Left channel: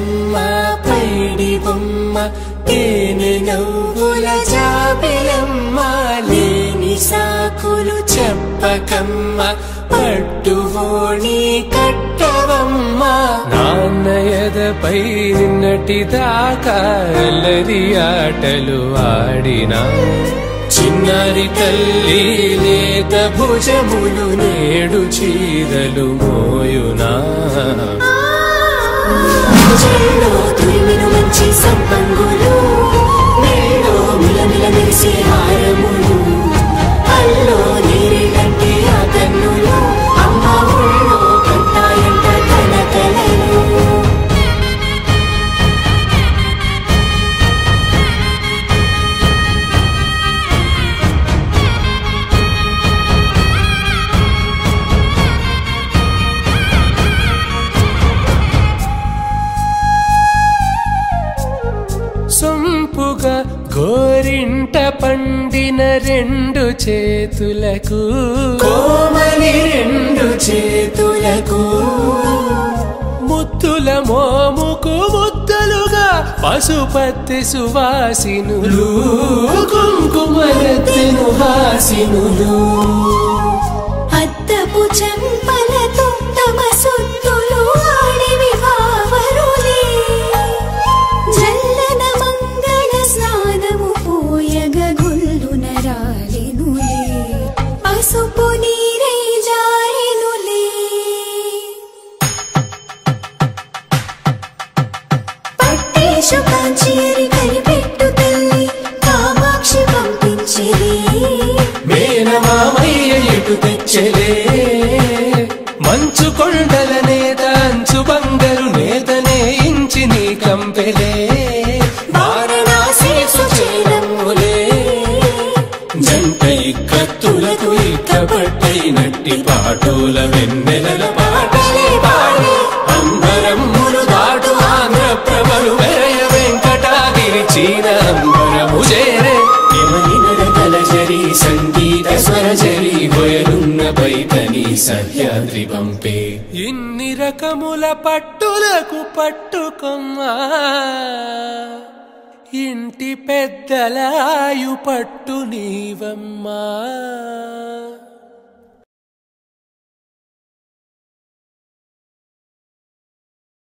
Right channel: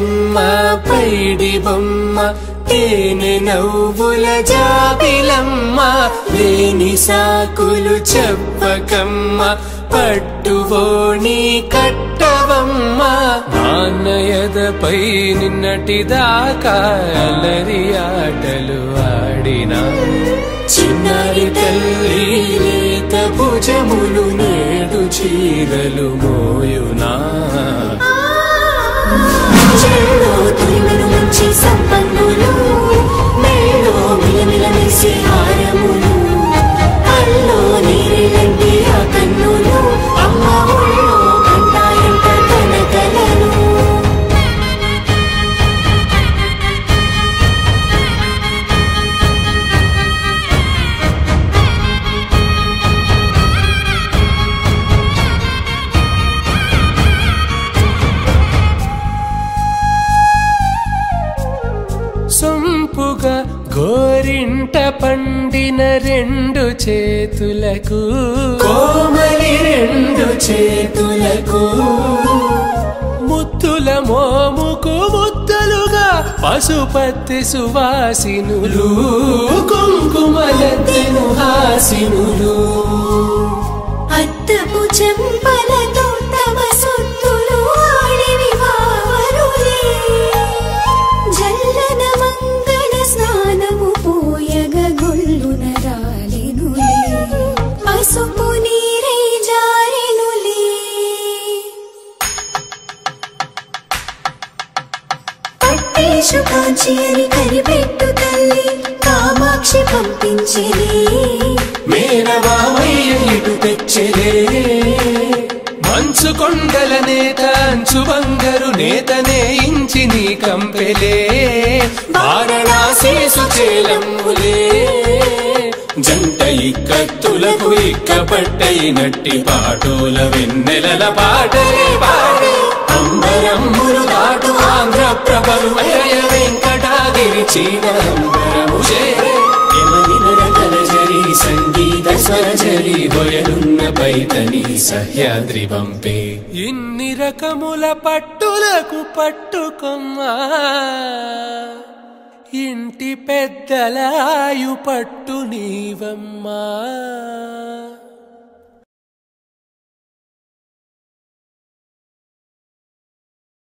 బుజ్జమ్మ పైడి బొమ్మ తేనె నవ్వుల జాబిలమ్మ లేని సాకులు చెప్పకమ్మ పట్టువోణి కట్టవమ్మ నాన్నయదపై నిన్నటిదాకా అల్లరి ఆటలు ఆడినా చిన్నారి తల్లి లేత భుజములు నేడు చీరలు మోయునా చెల్లో తురిమిన మంచి సంపంగులు మేలో మిలమిల మెరిసే హారములు అల్లో నీరెళ్ళంటే ఆ కన్నులు అమ్మ ఒళ్ళో కంటాయంట కలకలను సొంపుగా గోరింట పండిన రెండు చేతులకు కోమలి రెండు చేతులకు ముద్దుల మోముకు ముద్దలుగా పసుపత్తి సువాసినులు కుంకుమలెత్తిను హాసినులు అద్దపు చెంపలతో తమ సొత్తులు ఆడివి భావరులే జల్లన మంగళ స్నానము పోయగ గొల్లున రాలినులే పసుపు నీరై జారినులే పట్టేశు కాంచి అని కనిపెట్టు తల్లి కామాక్షి పంపించేది మేనమామయ్య ఎటు తెచ్చలే మంచు కొండల నేత అంచు బంగారు నేతనే ఇంచి నీ కంపెలే వారణాసి సుచేలమ్ములే జంట ఇక్కత్తులకు ఇక్కపట్టైనట్టి పాటోల వెన్నెలల పాటలే పాడే అంబరమ్ములు దాటు ఆంధ్ర ప్రభలు వెంకటాగిరి చీన అంబరము చేరే యమనినడతలజరి సంగీత స్వరజరి గొయలున్న పైతని సహ్యాద్రి పంపే ఇన్ని రకముల పట్టులకు పట్టుకొమ్మా ఇంటి పెద్దలాయు పట్టు నీవమ్మా